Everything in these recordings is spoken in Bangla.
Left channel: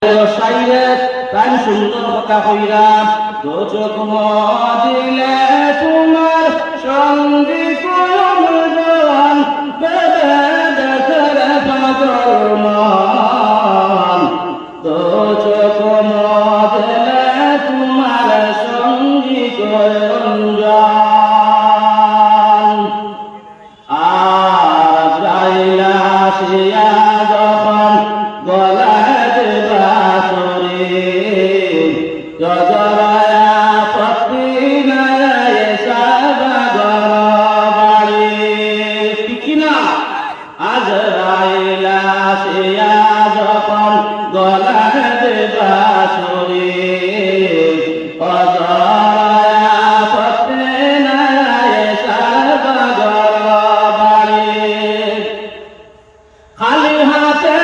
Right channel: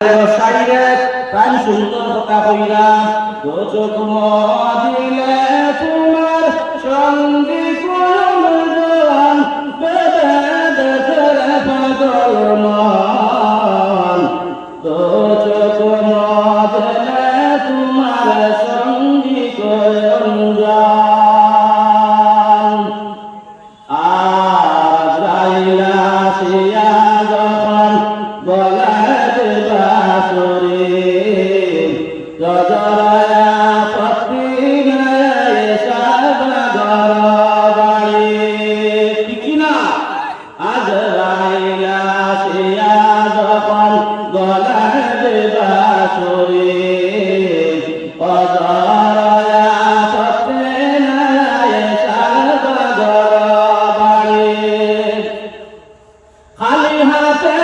প্রাণ সুন্দর কথা কইরাম তো চোখ দিলে তোমার সঙ্গী কয়ন বেদে দেখে পাগল মন তো চোখ দিলে তোমার সঙ্গী কয়ন আজ রাইলা শিয়া যখন গলায় দেবা জজরায়া পত্নী নায়ে সাবাগর বাড়ি কিনা আজ রাইলা শিয়া যখন গলায় দেবা সরে অজরায়া পত্নী নায়ে সাবাগর বাড়ি খালি হাতে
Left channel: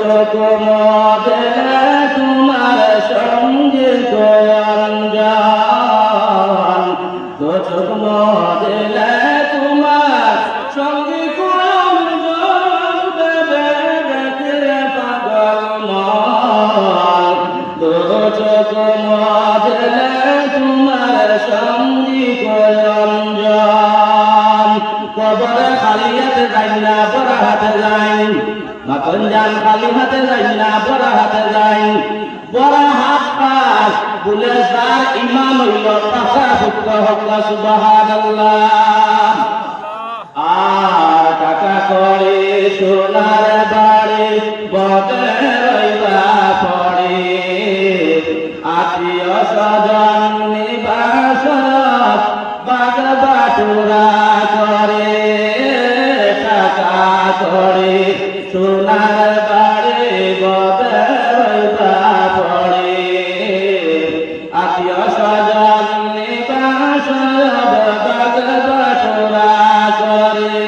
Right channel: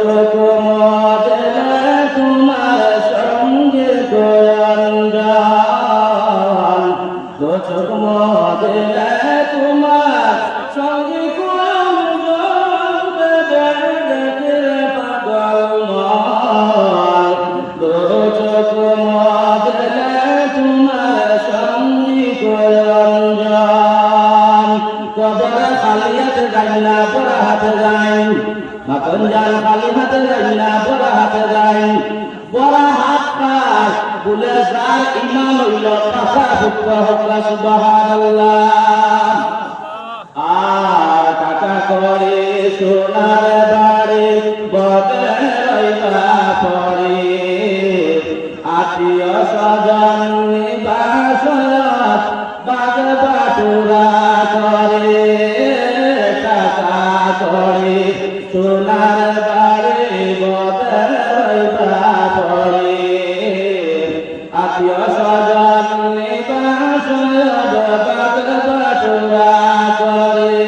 চোখ মদলে তোমার সঙ্গে গোয়ঞ্জন দো চোখ মদলে তোমার সঙ্গে গোয়ঞ্জন দেখে পাগল মন দো চোখ মদলে তোমার সঙ্গে গোয়ঞ্জন কবরে খালি হাতে যাই না বড় হাতে যাই মাকঞ্জাল খালি হাতে যাই না বড় হাতে যাই বড় হাত পাস বলে যার ইমান হইল টাকা পুত্র হকা সুবহানাল্লাহ আর টাকা করে সোনার বাড়ি বদে রইবা পড়ে আত্মীয় স্বজন নিবাস বাগ বাটুরা করে টাকা করে সোনার বাড়ি বদলা পড়ে আত্মীয় স্বজন নিবাস বাগ বাটুরা করে